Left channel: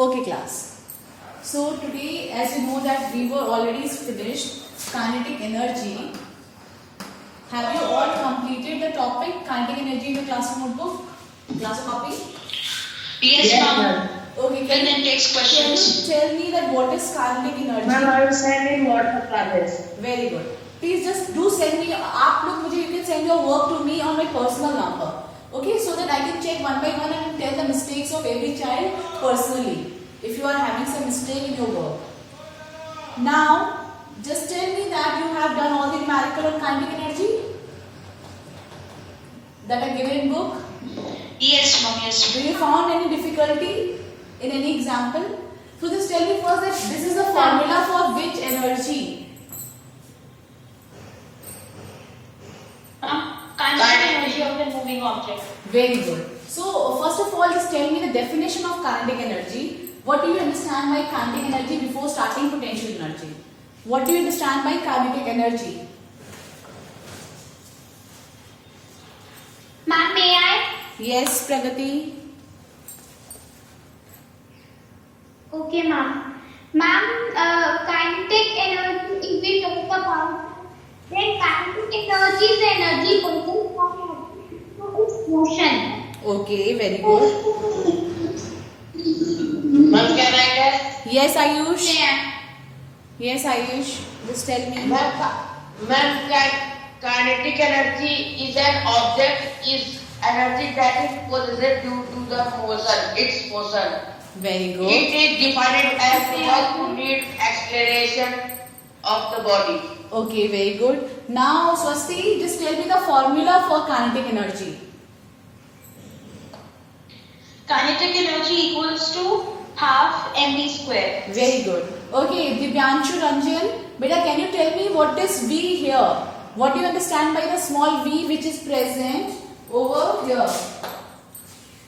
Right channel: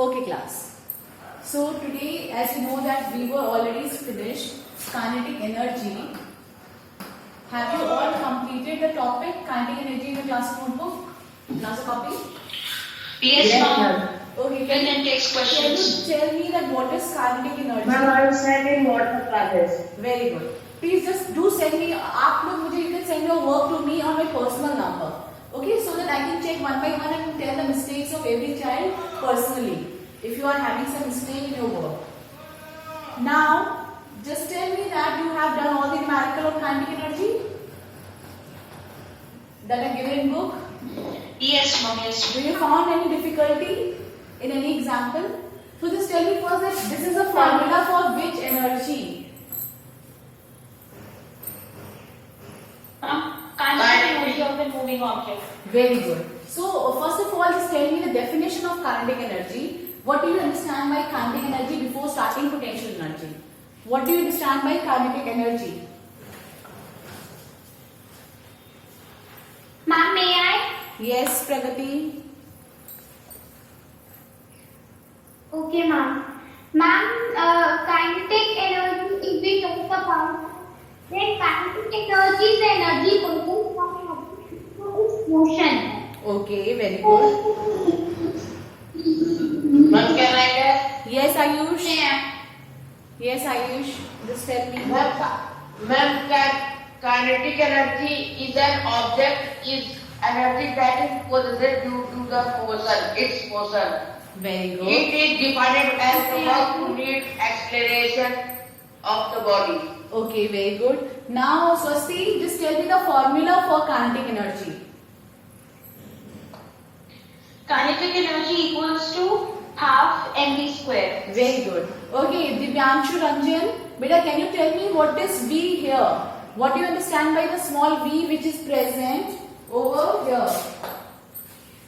Okay class. So today, as you know that we were already finished kinetic energy. Have you all completed the topic kinetic energy in the class notebook? Class copy? Yes, ma'am. Okay, And then text can questions. you tell me that what is kinetic energy? Ma'am, I will send in WhatsApp classes. Very good. Please just do send me. आप लोग मुझे you can send your work to me on my personal number. Okay, so that I can check one by one and tell the mistakes of every child personally. If you are having some mistake in your work. Now, just tell me that you have done all the numerical of kinetic energy that are given in book. Yes, ma'am. Yes. Do you found any difficulty in any example? So just tell me first that this is the formula for which energy? Kinetic energy of the moving object. Very good. So first of all, just tell me the definition of kinetic energy. What do you understand by kinetic energy before starting potential energy? What do you understand by kinetic energy? Ma'am, may I? Yes, Pragati. Okay, ma'am. Ma'am, kinetic energy, if we talk about, then kinetic energy is the energy present from its motion. Okay, very good. Ma'am, can I tell? Yes, Ayush. Yeah. Yes, Ayush. Just tell me. Ma'am, kinetic energy is an object, is energy that is possessed due to the motion, its motion. Very good. It is defined as the work to need acceleration of the body. Okay, very good. Now, Swasti, just tell me the formula for kinetic energy. Kinetic energy equals to half mv square. Very good. Okay, Divyanshu Ranjan, beta, can you tell me what is V here? What do you understand by the small v which is present over here?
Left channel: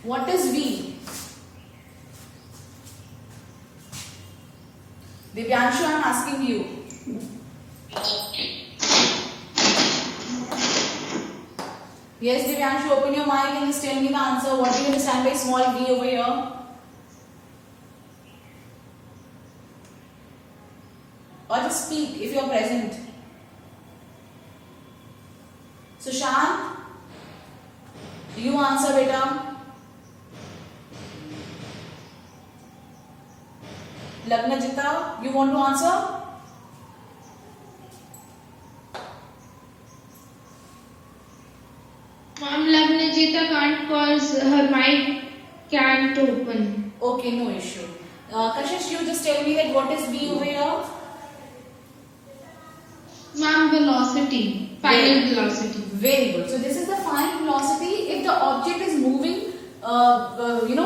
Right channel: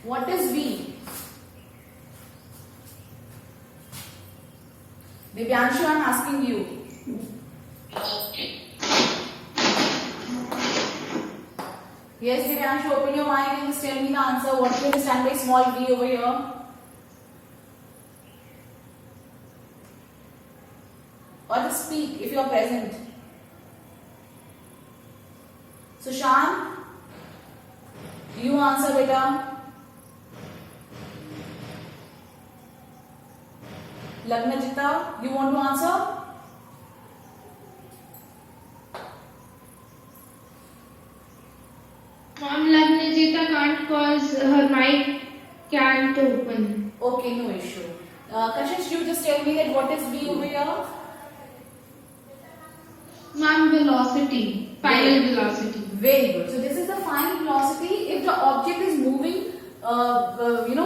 What is V? Divyanshu, I am asking you. Yes, Divyanshu, open your mic and just tell me the answer. What do you understand by small v over here? Or just speak if you are present. Sushant, you answer beta. Lagnajita, you want to answer? Ma'am, Lagnajita can't cause her mic can't open. Okay, no issue. Kashish, you just tell me that what is V over here? Ma'am, velocity, final velocity. Very good. So this is the final velocity. If the object is moving,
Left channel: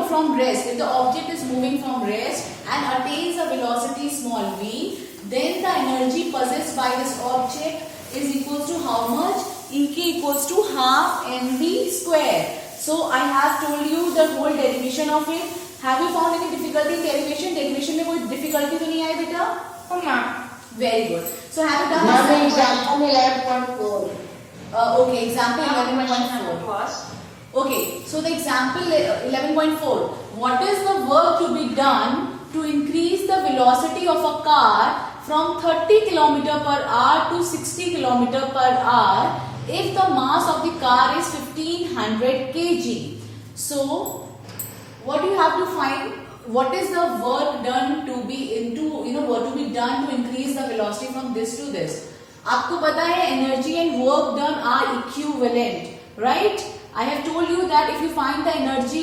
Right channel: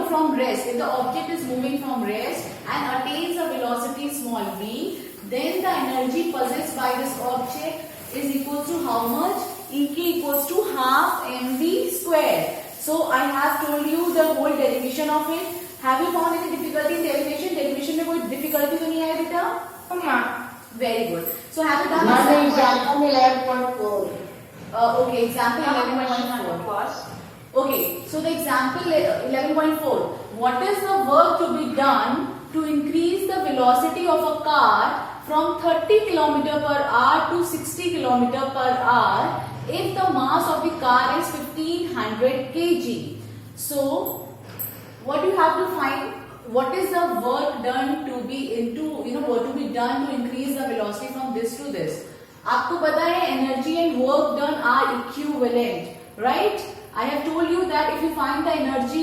from rest. If the object is moving from rest and attains a velocity small v, then the energy possessed by this object is equal to how much? Ek equals to half mv square. So I have told you the whole derivation of it. Have you found any difficulty in derivation? Derivation में कोई difficulty तो नहीं आई बेटा? Oh, ma'am. Very good. So have you done Ma'am, this example 11.4. Okay, example Question number 11.4. first. Okay, so the example 11.4. What is the work to be done to increase the velocity of a car from 30 km per hour to 60 km per hour if the mass of the car is 1500 kg? So, what do you have to find? What is the work done to be what to be done to increase the velocity from this to this? आपको पता है energy and work done are equivalent, right? I have told you that if you find the energy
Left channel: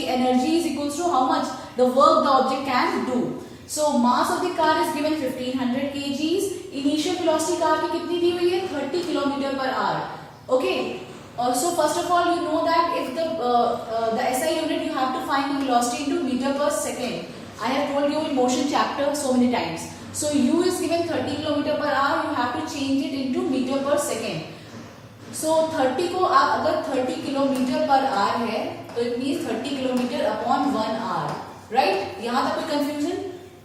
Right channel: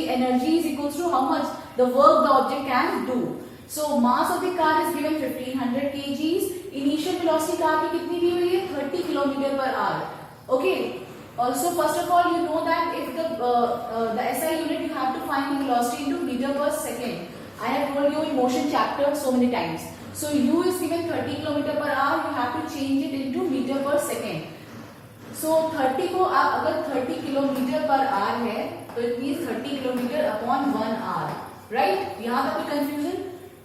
is equals to how much the work the object can do. So mass of the car is given 1500 kgs. Initial velocity car की कितनी दी हुई है? 30 km per hour. Okay. Also, first of all, you know that if the SI unit you have to find the velocity into meter per second. I have told you in motion chapter so many times. So u is given 30 km per hour. You have to change it into meter per second. So 30 को आप अगर 30 kilometre पर hour है तो it means 30 kilometre upon 1 hour, right? यहाँ तक कोई confusion?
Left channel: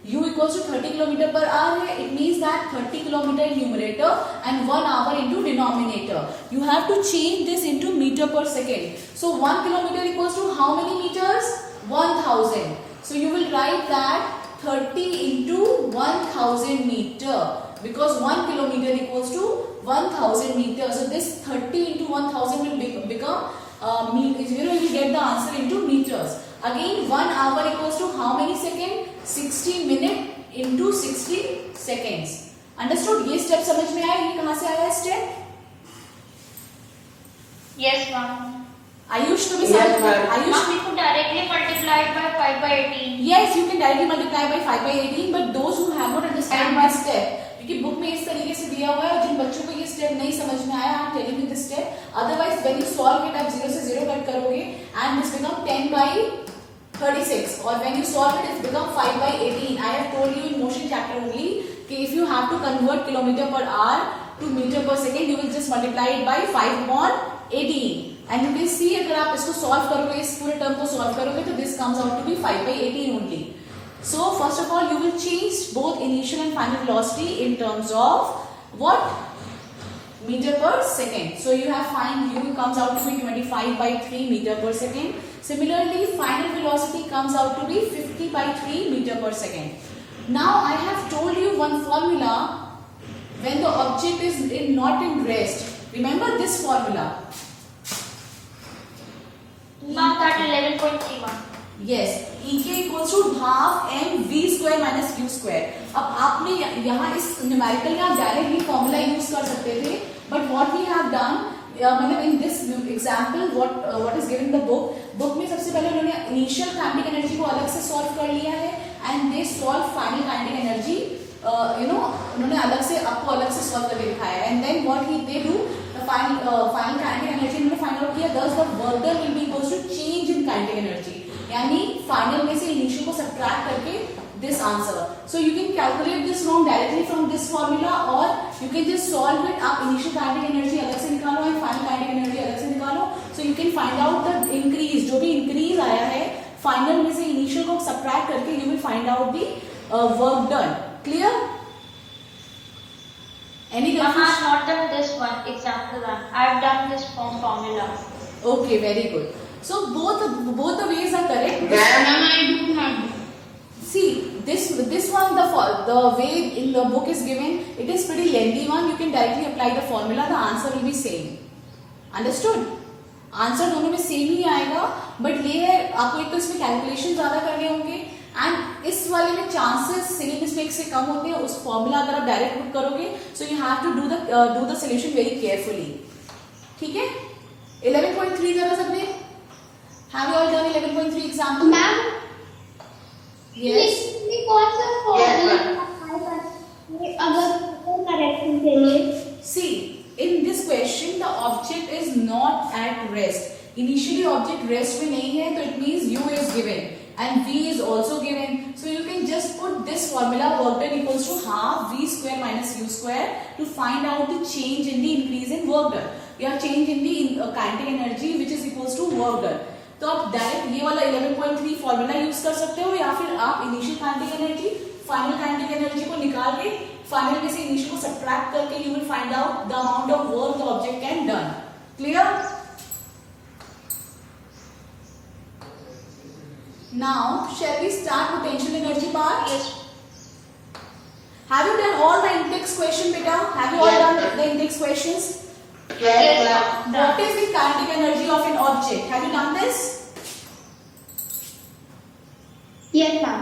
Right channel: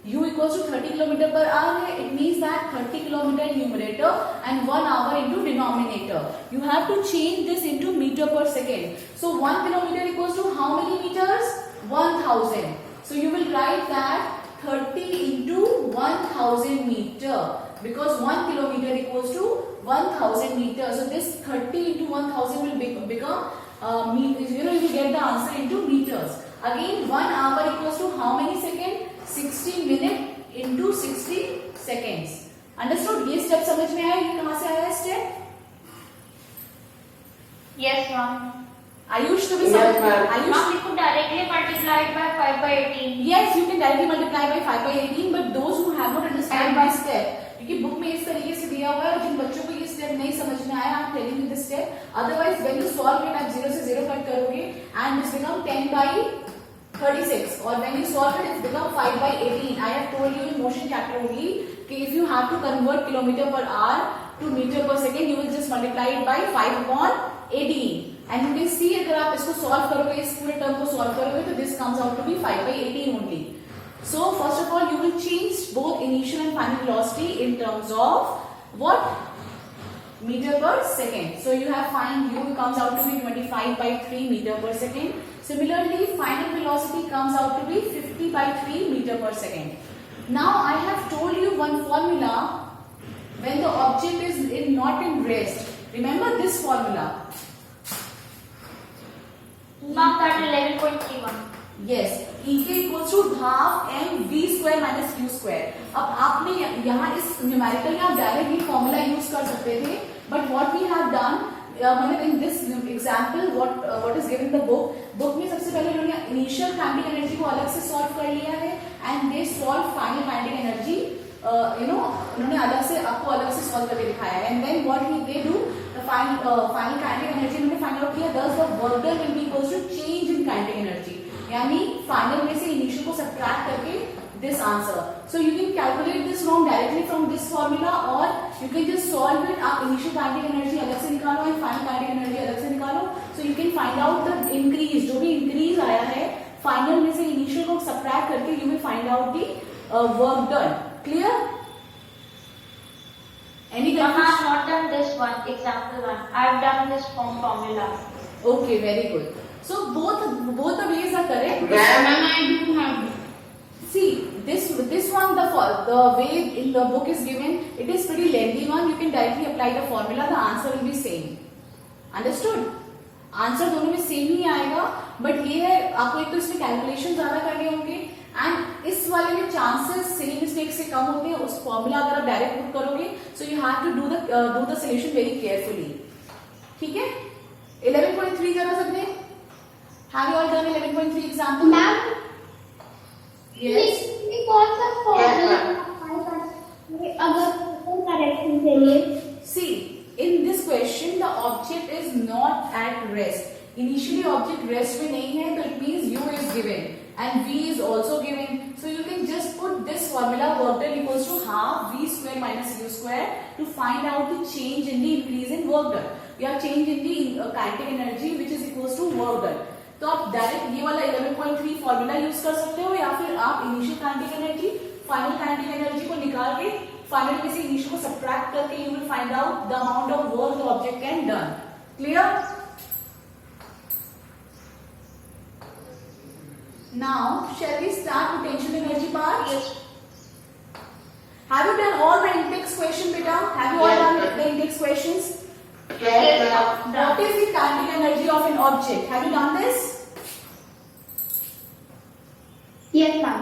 u equals to 30 kilometer per hour है, it means that 30 kilometer in numerator and 1 hour into denominator. You have to change this into meter per second. So 1 kilometer equals to how many meters? 1000. So you will write that 30 into 1000 meter, because 1 kilometer equals to 1000 meter. So this 30 into 1000 will become you will get the answer into meters. Again 1 hour equals to how many seconds? 60 minute into 60 seconds. Understood? ये step समझ में आया? ये कहाँ से आया step? Yes, ma'am. Ayush to be Yes, ma'am. Ayush, Ma'am, we could directly multiply it by 5 by 18. yes, you can directly multiply by 5 by 18, but those who have not understood my step, क्योंकि book में इस तरीके से दिया हुआ है और जिन बच्चों को ये स्टेप नहीं समझ में आया, I am telling you this step. Otherwise when you solve it आप 0 से 0 कट करोगे and this become 10 by 36, or when you solve it it's become 5 by 18. I have told you in motion chapter only कि if you have to convert kilometer per hour to meter per second, you will just multiply it by 5 upon 18. And you can see अगर आप इसको solve करोगे, इस पूरे term को solve करोगे तो this comes out to be 5 by 18 only. So first of all you will change both initial and final velocity in terms of what? Meter per second. So you have find u comes out to be 25 by 3 meter per second. Similarly, final velocity comes out to be 50 by 3 meter per second. Now I have told you one formula when the object is not in rest. Remember this formula. Ma'am, that 11.31. Yes, EK equals to half mv square minus q square. अब आपने यहाँ इस numerical या directly formula use कर सकते थे, but what we have done, मतलब in this example what is given the book में सबसे पहले उन्होंने इनिशियल काइनेटिक एनर्जी को अलग से सॉल्व कर लिया है and they solve final kinetic energy, उन्होंने अलग से आपको अलग से सॉल्व करके दिखाया है. And then what they do, the final kinetic energy उन्होंने फाइंड आउट किया, thus the work done will be equals to change in kinetic energy, यानी फाइनल में से इनिशियल को सब्ट्रैक्ट करके this answer. So you can calculate this from directly from this formula और you can just solve it. आप initial kinetic energy अलग से निकालो एंड फाइनल काइनेटिक एनर्जी अलग से निकालो. सो you can find out the increase, जो भी इंक्रीज आया है फाइनल में से इनिशियल को सब्ट्रैक्ट करके you will find out the work done. Clear? Any Ma'am, I confusion? have not done this one, example 1. I have done this from formula. Okay, very good. So both the ways are correct. Ma'am, Ma'am, I do have. See this one, the way in the book is given, it is pretty lengthy one. You can directly apply the formula. The answer will be same. Understood? Answer दोनों में same ही आएगा, but ये है आपको एक तो इसमें calculation ज्यादा करने होंगे एंड इस वाले में चांसेस सिली मिस्टेक से कम होते हैं. उस फॉर्मूला अगर आप डायरेक्ट पुट करोगे so you have to do the solution very carefully. ठीक है? 11.3 करा सबने? Have you all done 11.3 example? Ma'am, yes. ये कौन सा फॉर्मूला अगर करेक्शन के लिए? See, in this question the object is not at rest. Initially object rest में नहीं है, तो it means u is given and v is also given. So you can just put this formula work done equals to half v square minus u square to find out the change in the increase in work done या change in the kinetic energy which is equals to work done. तो आप direct ये वाला 11.3 formula use कर सकते हो या फिर आप initial kinetic energy final kinetic energy को निकाल के फाइनल में से इनिशियल को सब्ट्रैक्ट करके you will find out the amount of work the object can done. Clear? Now shall we start potential energy part? Yes. Have you done all the index question, beta? Have you all Yes, done ma'am. the index questions? yes, ma'am. What is the kinetic energy of an object? Have you done this? Yes, ma'am.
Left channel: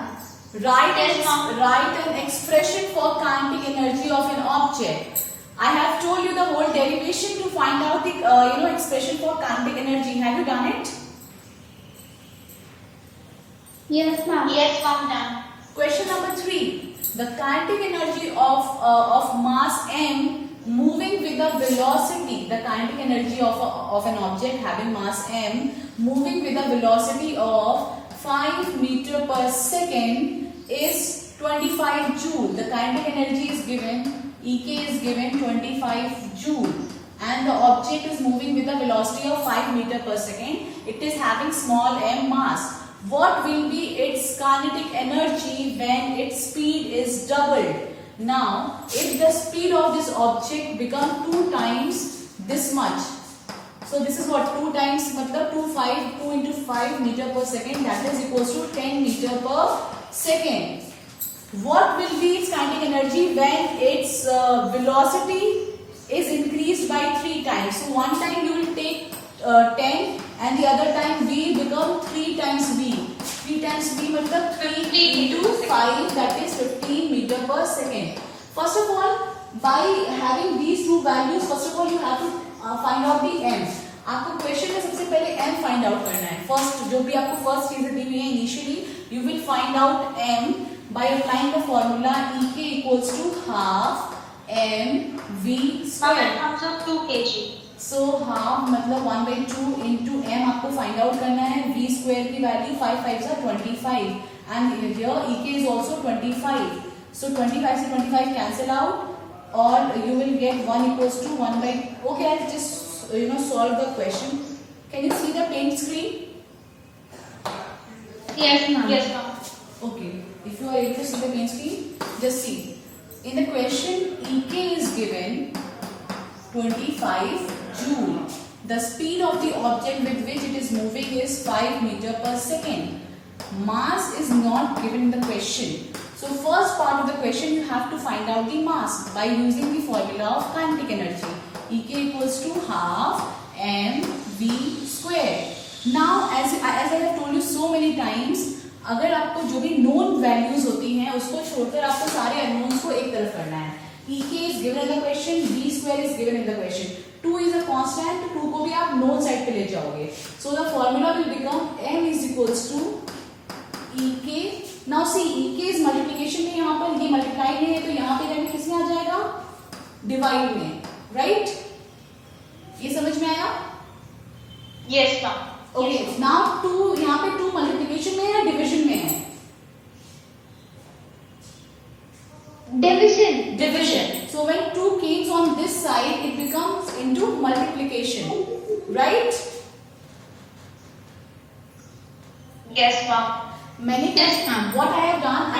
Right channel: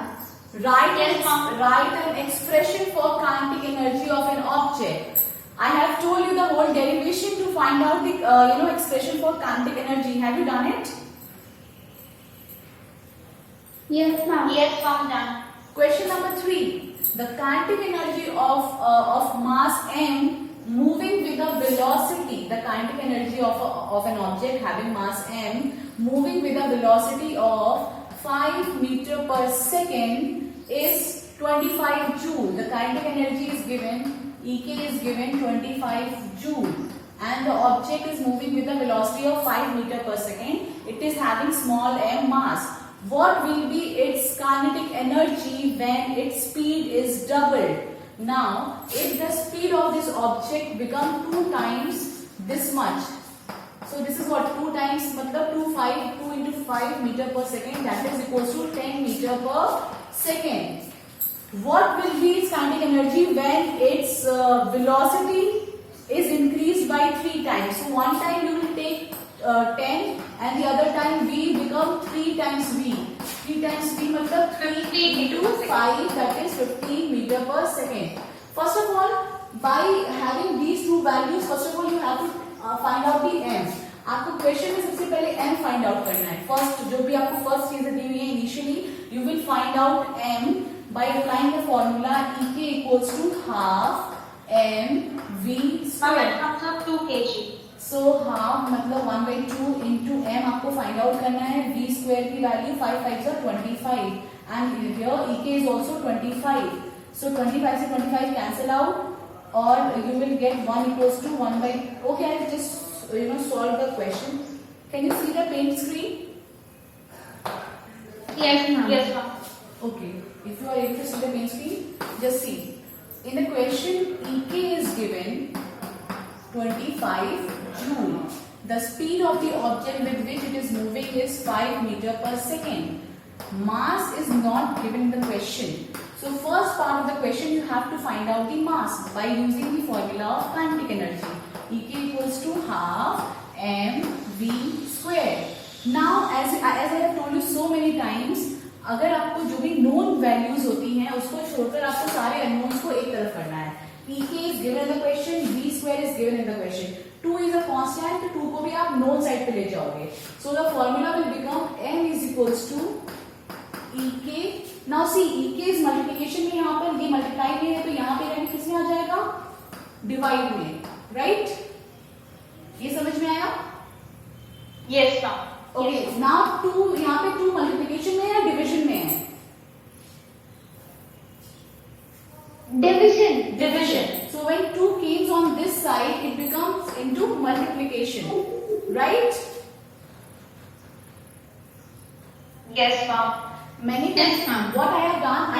Yes, ma'am. Write an expression for kinetic energy of an object. I have told you the whole derivation to find out the expression for kinetic energy. Have you done it? Yes, ma'am. Yes, ma'am, done. Question number 3. The kinetic energy of mass m moving with a velocity, the kinetic energy of an object having mass m moving with a velocity of 5 meter per second is 25 joule. The kinetic energy is given, Ek is given 25 joule and the object is moving with a velocity of 5 meter per second. It is having small m mass. What will be its kinetic energy when its speed is doubled? Now, if the speed of this object become 2 times this much, so this is what 2 times, मतलब 2 into 5 meter per second, that is equals to 10 meter per second. What will be its kinetic energy when its velocity is increased by 3 times? So one time you will take 10 and the other time v become 3 times v. 3 times v matlab 3 into 5, that is 15 meter per second. First of all, by having these two values, first of all you have to find out the m. आपको question में सबसे पहले m find out करना है. First जो भी आपको first चीजें दी हुई है initially, you will find out m by applying the formula Ek equals to half mv Ma'am, square. it comes out 2 kg. So half मतलब 1/2 into m आपको फाइंड आउट करना है. v square की value 5 5 are 25 and here Ek is also 25. So 25 से 25 cancel out or you will get 1 equals to 1 by. Okay, I'll just solve the question. Can you see the paint screen? Yes, ma'am. Yes, ma'am. Okay, if you are able to see the main screen, just see. In the question, Ek is given 25 joule. The speed of the object with which it is moving is 5 meter per second. Mass is not given in the question. So first part of the question you have to find out the mass by using the formula of kinetic energy. Ek equals to half mv square. Now as I have told you so many times, अगर आपको जो भी known values होती हैं उसको छोड़कर आपको सारे अननोन्स को एक तरफ करना है. Ek is given in the question, v square is given in the question. 2 is a constant, तो 2 को भी आप नोन साइड पे ले जाओगे. So the formula will become m is equals to Ek. Now see, Ek is multiplication में यहाँ पर ये मल्टीप्लाई में है तो यहाँ पे रहने किसमें आ जाएगा? डिवाइड में, राइट? ये समझ में आया? Yes, ma'am. ओके, नाउ 2 यहाँ पे 2 मल्टीप्लिकेशन में है या डिवीजन में है? Division. Division. So when 2 comes on this side, it becomes into multiplication, right? Yes, ma'am. Many Yes, times, ma'am. what I have done, I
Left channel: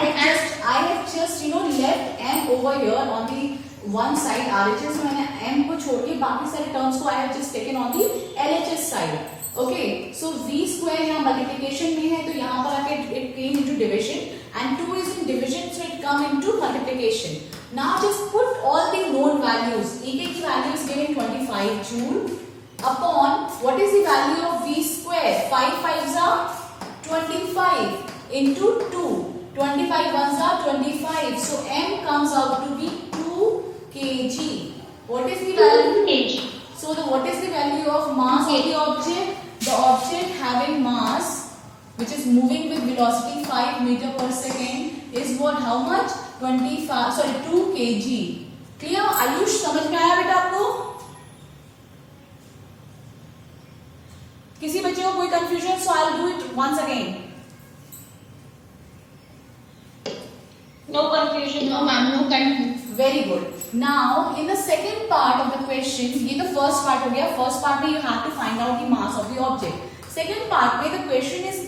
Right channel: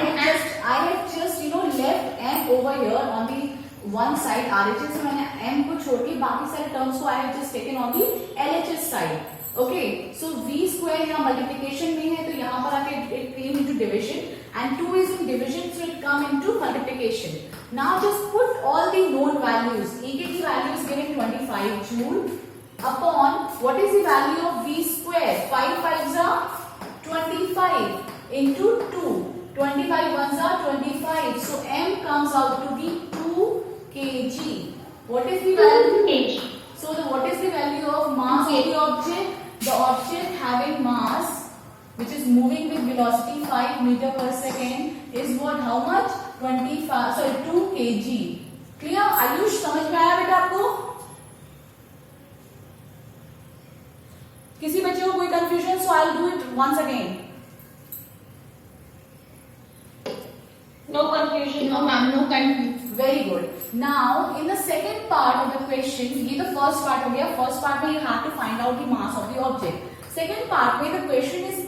have just left m over here on the one side RHS. So मैंने m को छोड़ के बाकी सारे terms को I have just taken on the LHS side. Okay, so v square यहाँ multiplication में है तो यहाँ पर आके it came into division and 2 is in division so it come into multiplication. Now just put all the known values. Ek की value is given 25 joule upon what is the value of v square? 5 5s are 25 into 2. 25 ones are 25. So m comes out to be 2 kg. What is the 2 value? kg. So what is the value of mass of the object? The object having mass which is moving with velocity 5 meter per second is what? How much? 2 kg. Clear? Ayush समझ में आया बेटा आपको? किसी बच्चे को कोई confusion? So I'll do it once again. No confusion. No, ma'am. No confusion. Very good. Now in the second part of the question, ये the first part हो गया. First part में you have to find out the mass of the object. Second part में the question is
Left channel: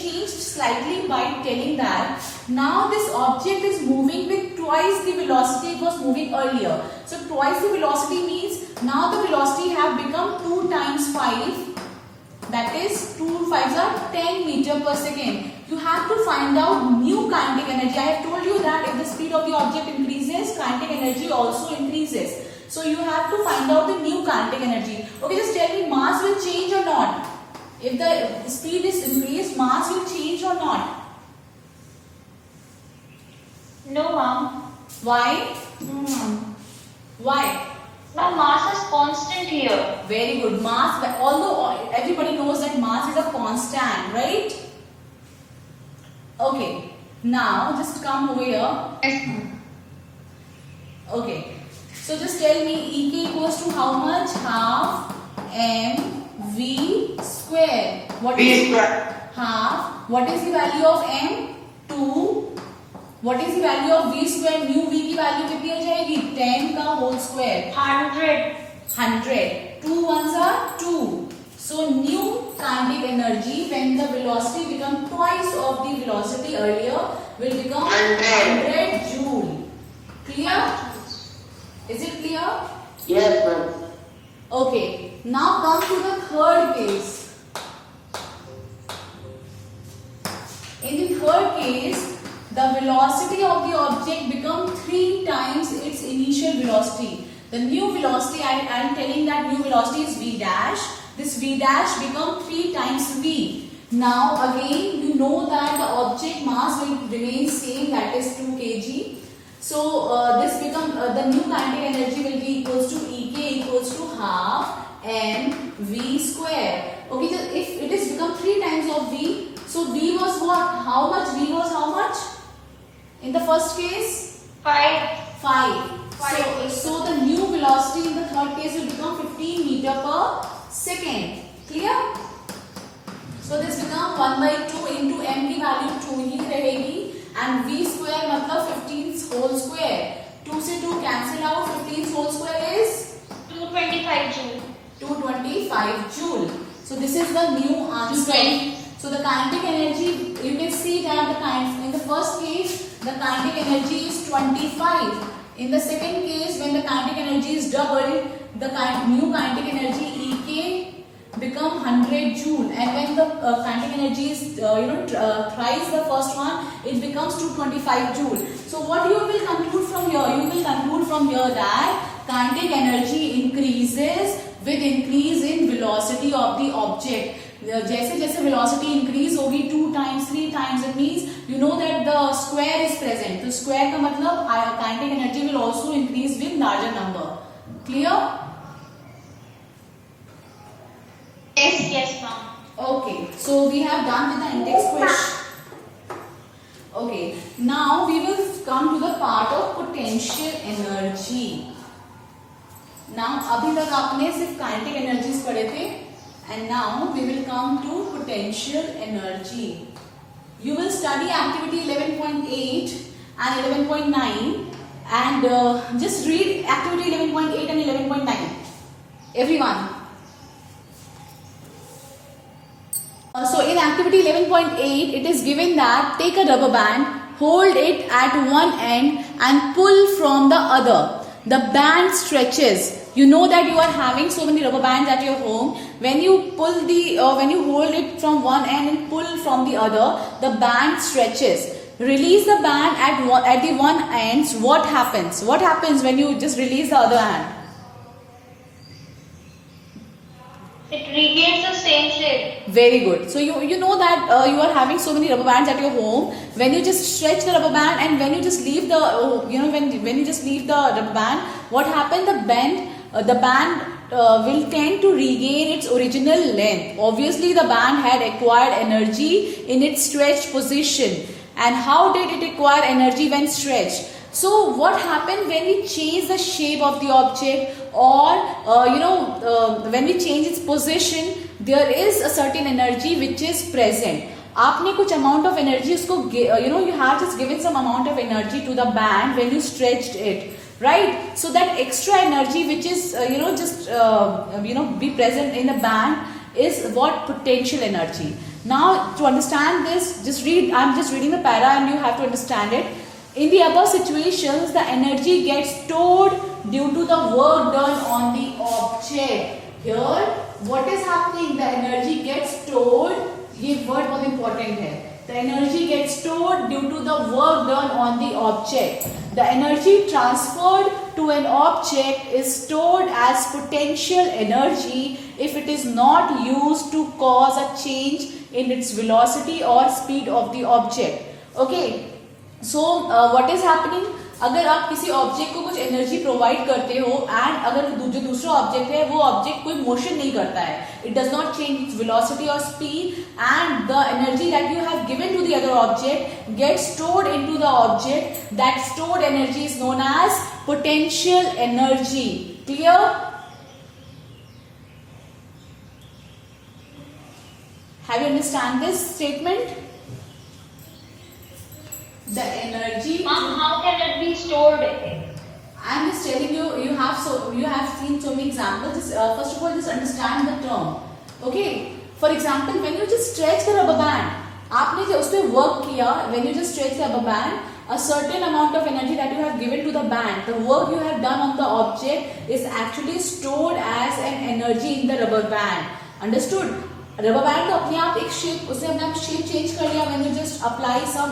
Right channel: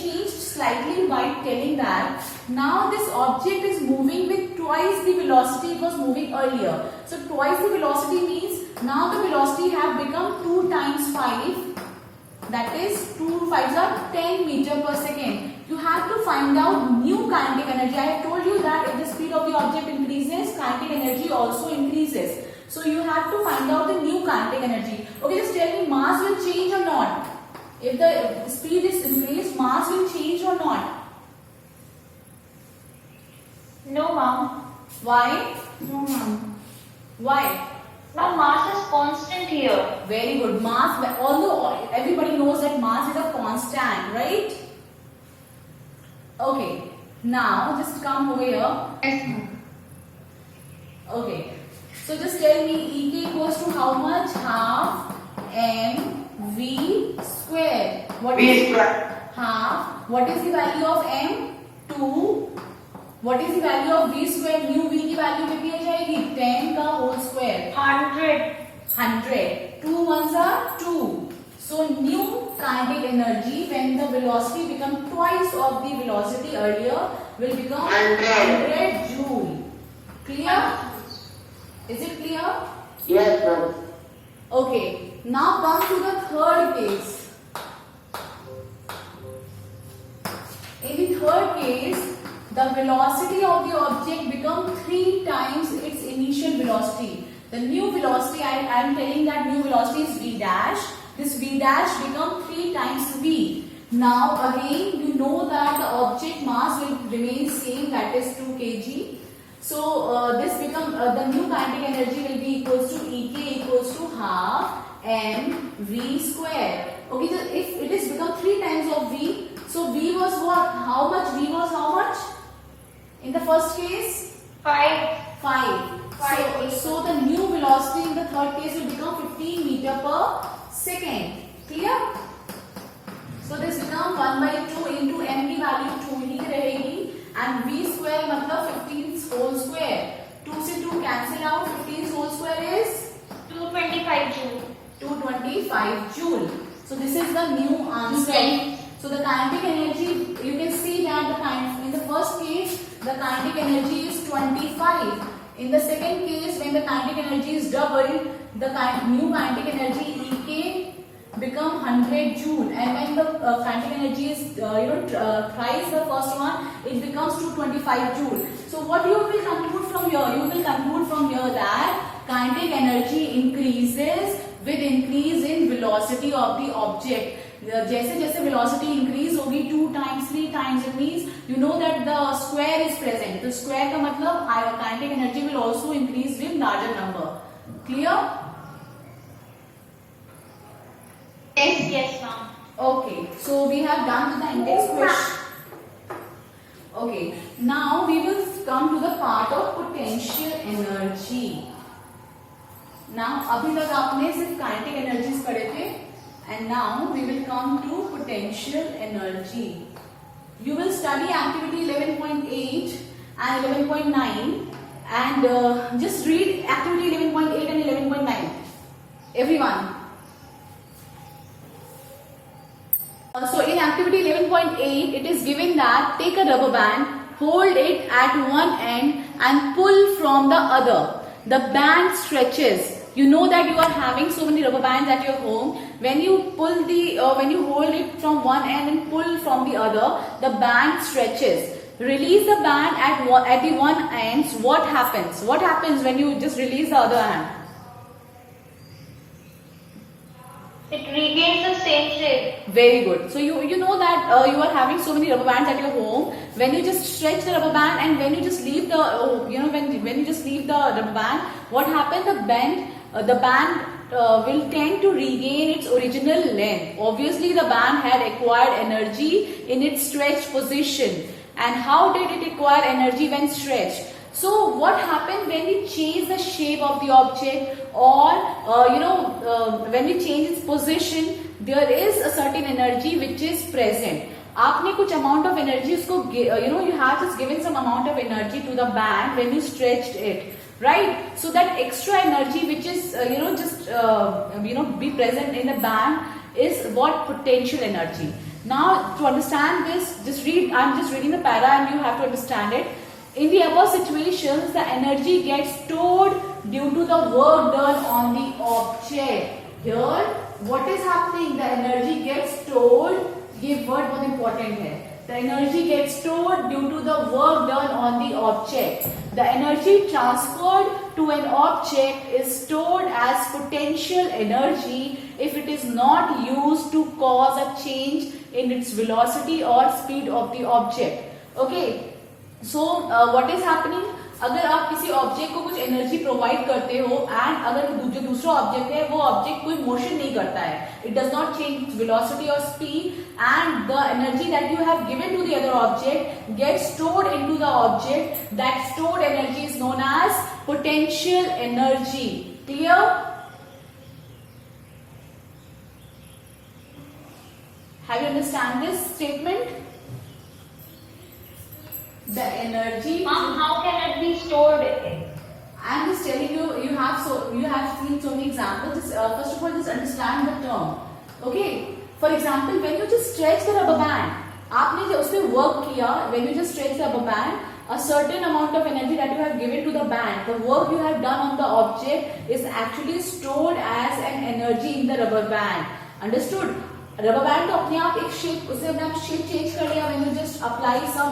changed slightly by telling that now this object is moving with twice the velocity it was moving earlier. So twice the velocity means now the velocity have become 2 times 5. That is 2 5s are 10 meter per second. You have to find out new kinetic energy. I have told you that if the speed of the object increases, kinetic energy also increases. So you have to find out the new kinetic energy. Okay, just tell me, mass will change or not? If the speed is increased, mass will change or not? No, ma'am. Why? No, ma'am. Why? Now mass is constant here. Very good. Mass, although everybody knows that mass is a constant, right? Okay. Now just come over here. Yes, ma'am. Okay. So just tell me Ek equals to how much? Half mv square. What V is square. half? What is the value of m? 2. What is the value of v square? Mu v की value कितनी हो जाएगी? 10 का whole square. 100. 100. 2 ones are 2. So new kinetic energy when the velocity becomes twice of the velocity earlier will become 100 joule. Clear? Is it clear? Yes, ma'am. Okay. Now come to the third case. In the third case, the velocity of the object become 3 times its initial velocity. The new velocity, I am telling that new velocity is v dash. This v dash become 3 times v. Now again you know that the object mass will remain same, that is 2 kg. So this become the new kinetic energy will be equals to Ek equals to half mv square. Okay, so if it is become 3 times of v, so v was what? How much? V was how much? In the first case? 5. 5. So the new velocity in the third case will become 15 meter per second. Clear? So this become 1 by 2 into m की value 2 ही रहेगी and v square मतलब 15 whole square. 2 से 2 cancel out. 15 whole square is 225 joule. 225 joule. So this is the new answer. So the kinetic energy, you can see that in the first case the kinetic energy is 25. In the second case, when the kinetic energy is doubled, the new kinetic energy Ek become 100 joule, and when the kinetic energy is thrice the first one, it becomes 225 joule. So what you will conclude from here? You will conclude from here that kinetic energy increases with increase in velocity of the object. जैसे जैसे velocity increase होगी 2 times 3 times, it means you know that the square is present. तो square का मतलब kinetic energy will also increase with larger number. Clear? Yes, ma'am. Okay, so we have done with the index question. Okay, now we will come to the part of potential energy. Now अभी तक आपने सिर्फ kinetic energies पढ़े थे, and now we will come to potential energy. You will study activity 11.8 and 11.9 and just read activity 11.8 and 11.9. Everyone. So in activity 11.8, it is given that take a rubber band, hold it at one end and pull from the other. The band stretches. You know that you are having so many rubber bands at your home. When you pull when you hold it from one end and pull from the other, the band stretches. Release the band at the one ends. What happens? What happens when you just release the other hand? It regains the same shape. Very good. So you know that you are having so many rubber bands at your home. When you just stretch the rubber band and when you just leave the when you just leave the rubber band, what happens? The band will tend to regain its original length. Obviously, the band had acquired energy in its stretched position. And how did it acquire energy when stretched? So what happened when we change the shape of the object, or when we change its position, there is a certain energy which is present. आपने कुछ amount of energy उसको you have just given some amount of energy to the band when you stretched it, right? So that extra energy which is be present in the band is what? Potential energy. Now to understand this, just read. I'm just reading the para and you have to understand it. In the above situations, the energy gets stored due to the work done on the object. Here, what is happening? The energy gets stored. ये word बहुत important है. The energy gets stored due to the work done on the object. The energy transferred to an object is stored as potential energy if it is not used to cause a change in its velocity or speed of the object. Okay. So what is happening? अगर आप किसी object को कुछ energy provide करते हो and अगर जो दूसरा ऑब्जेक्ट है वो ऑब्जेक्ट कोई मोशन नहीं करता है, it does not change its velocity और speed, and the energy that you have given to the other object gets stored into the object, that stored energy is known as potential energy. Clear? Have you understand this statement? The energy. Mom, how can it be stored? I'm just telling you. You have seen so many examples. First of all, just understand the term. Okay. For example, when you just stretch the rubber band, आपने जो उसपे work किया, when you just stretch the rubber band, a certain amount of energy that you have given to the band, the work you have done on the object is actually stored as an energy in the rubber band. Understood? Rubber band तो अपने आप एक shape, उसने अपने आप shape change कर लिया when you just apply some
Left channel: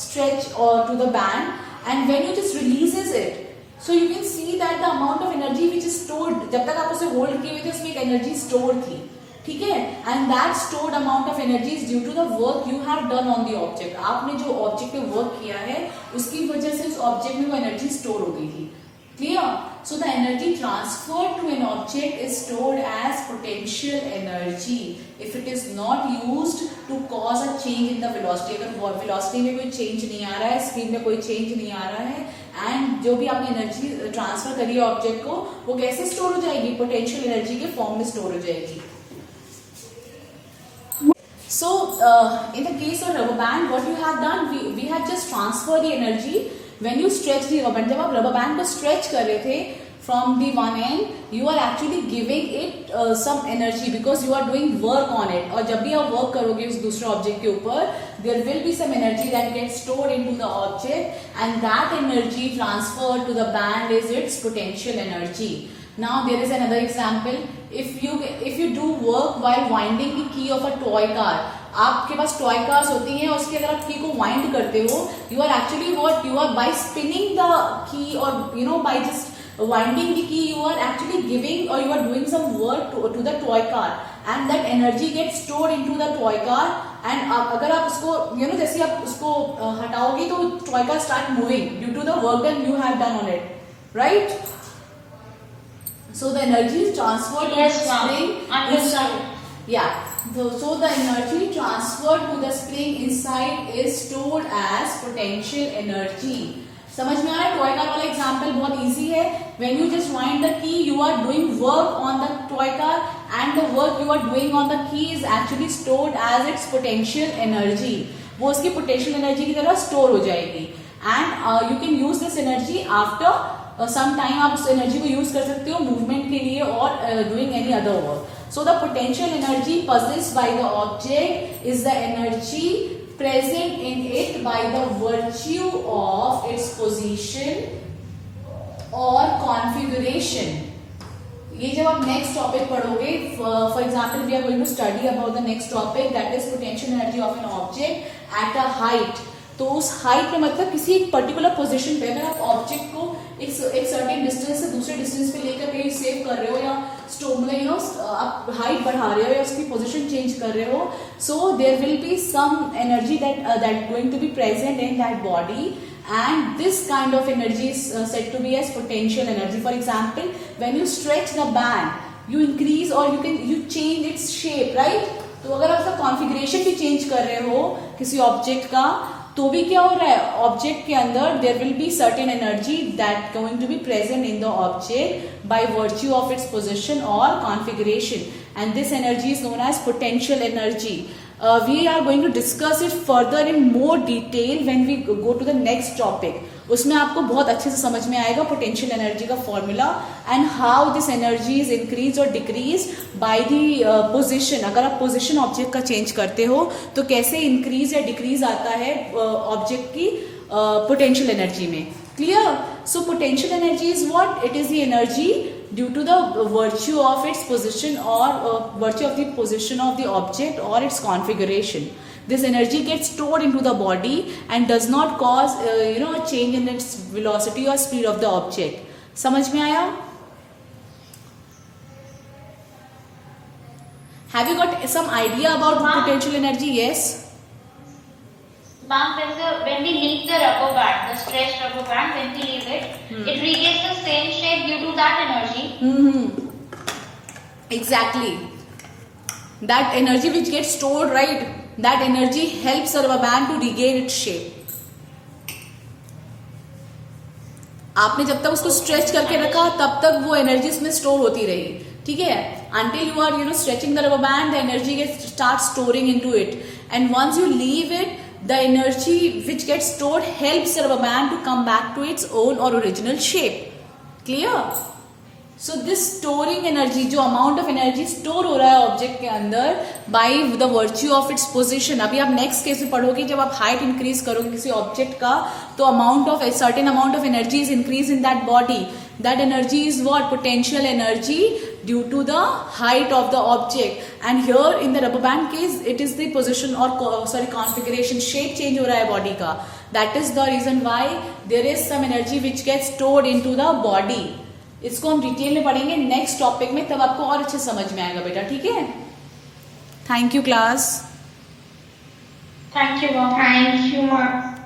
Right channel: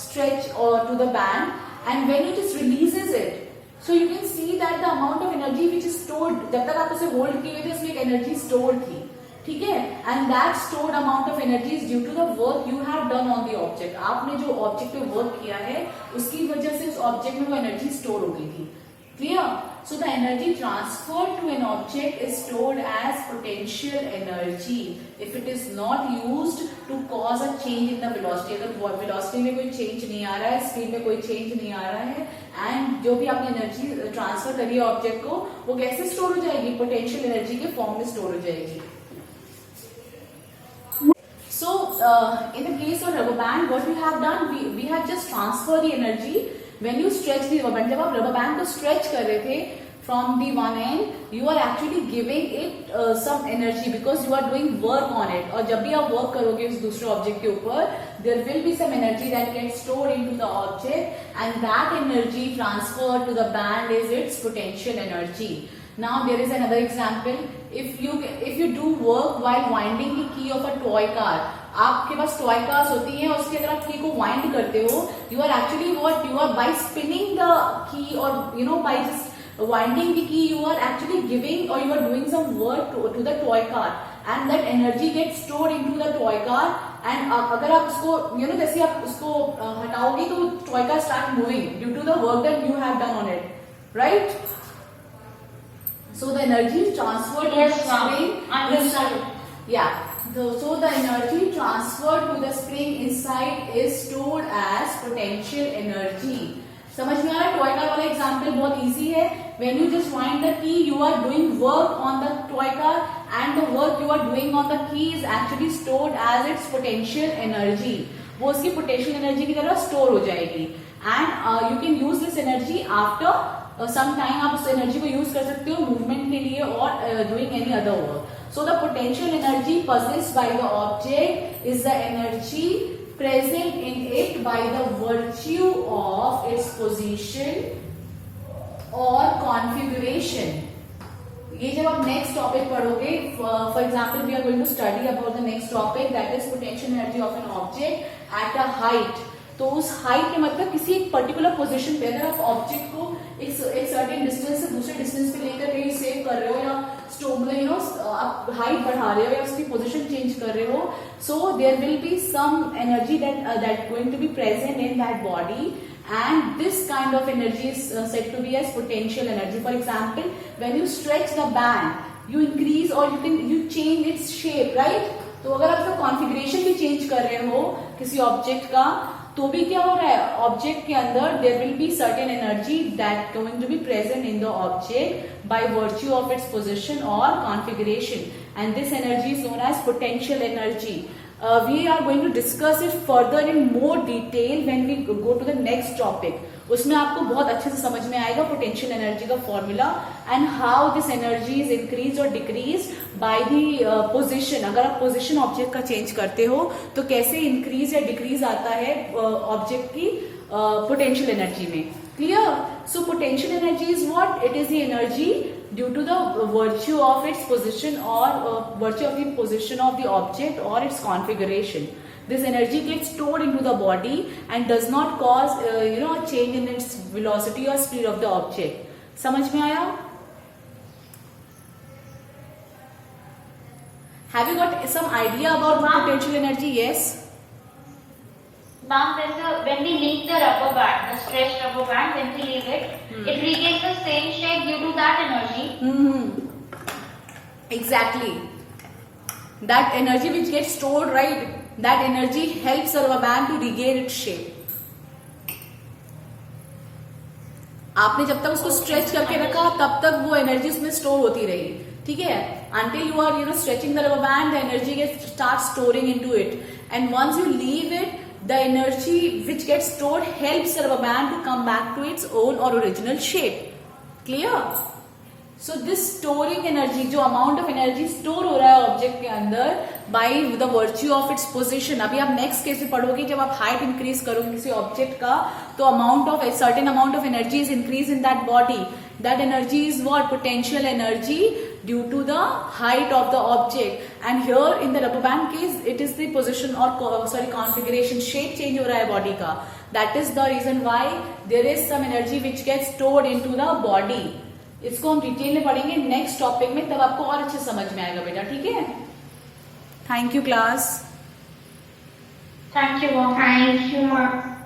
stretch to the band, and when you just releases it, so you can see that the amount of energy which is stored, जब तक आप उसे होल्ड किए हुए थे उसमें एक एनर्जी स्टोर थी, ठीक है, and that stored amount of energy is due to the work you have done on the object. आपने जो ऑब्जेक्ट पे वर्क किया है उसकी वजह से उस ऑब्जेक्ट में वो एनर्जी स्टोर हो गई थी। Clear? So the energy transferred to an object is stored as potential energy if it is not used to cause a change in the velocity। अगर velocity में कोई change नहीं आ रहा है, speed में कोई change नहीं आ रहा है, and जो भी आपने energy transfer करी है object को, वो कैसे store हो जाएगी? potential energy के form में store हो जाएगी। So in the case of rubber band, what you have done, we have just transferred the energy when you stretch the rubber band। जब आप rubber band को stretch कर रहे थे from the one end, you are actually giving it some energy because you are doing work on it। और जब भी आप work करोगे उस दूसरे object के ऊपर, there will be some energy that gets stored into the object, and that energy transferred to the band is its potential energy। Now there is another example। If you do work while winding the key of a toy car, आपके पास toy cars होती हैं, उसके अंदर आप की को wind करते हो, you are actually what you are by spinning the key, और you know by just winding the key you are actually giving और you are doing some work to the toy car, and that energy get stored into the toy car, and अगर आप उसको you know जैसे आप उसको हटाओगे तो toy car start moving due to the work that you have done on it, right? So the energy is transferred to the spring inside. Yeah. So the energy transferred to the spring inside is stored as potential energy। समझ में आ रहा है? Toy car वाला example बहुत easy है। When you just wind the key, you are doing work on the toy car, and the work you are doing on the key is actually stored as its potential energy। वो उसकी potential energy की तरह store हो जाएगी, and you can use this energy after some time। आप उस energy को use कर सकते हो मूवमेंट के लिए और doing any other work. So the potential energy possessed by the object is the energy present in it by the virtue of its position or configuration। ये जब आप नेक्स्ट टॉपिक पढ़ोगे, for example we are going to study about the next topic that is potential energy of an object at a height. तो उस height में मतलब किसी एक पर्टिकुलर पोजीशन पे अगर आप ऑब्जेक्ट को एक सर्टेन डिस्टेंस से दूसरे डिस्टेंस पे लेकर कहीं सेव कर रहे हो, या स्टोव में यू नो आप हाइट बढ़ा रहे हो या उसकी पोजीशन चेंज कर रहे हो, so there will be some energy that going to be present in that body, and this kind of energy is said to be as potential energy। For example, when you stretch the band, you increase or you change its shape, right? तो अगर आप उसका configuration भी change कर रहे हो किसी object का, तो भी क्या हो रहा है, ऑब्जेक्ट के अंदर there will be certain energy that going to be present in the object by virtue of its position और configuration, and this energy is known as potential energy. We are going to discuss it further in more detail when we go to the next topic। उसमें आपको बहुत अच्छे से समझ में आएगा potential energy का formula and how this energy is increase और डिक्रीज बाय द पोजीशन। अगर आप पोजीशन ऑब्जेक्ट का चेंज करते हो तो कैसे इंक्रीज या डिक्रीज आता है ऑब्जेक्ट की पोटेंशियल एनर्जी में। Clear? So potential energy is what? It is the energy due to the virtue of its position or virtue of the position of the object or its configuration। This energy gets stored into the body and does not cause a change in its velocity or speed of the object। समझ में आया? Have you got some idea about the potential energy? Yes. Ma'am, when we leave the rubber band, the stretched rubber band, when we leave it, it regains the same shape due to that energy। Exactly। That energy which gets stored, right? That energy helps the rubber band to regain its shape। आपने जब तक उसको stretch करके रखा तब तक वो energy उसमें स्टोर होती रही, ठीक है? Until you are stretching the rubber band, the energy starts storing into it, and once you leave it, the energy which gets stored helps the rubber band to come back to its own or original shape। Clear? So this storing energy, जो amount of energy store हो रहा है object के अंदर by the virtue of its position। अभी आप next case में पढ़ोगे, जब आप हाइट इंक्रीज करोगे किसी ऑब्जेक्ट का तो certain amount of energy is increased in that body। That energy is what? Potential energy due to the height of the object. And here in the rubber band case, it is the position or configuration, shape change हो रहा है body का. That is the reason why there is some energy which gets stored into the body. इसको हम detail में पढ़ेंगे next topic में, तब आपको और अच्छे समझ में आएगा बेटा. ठीक है, thank you class. Thank you, mom. Thank you, ma'am.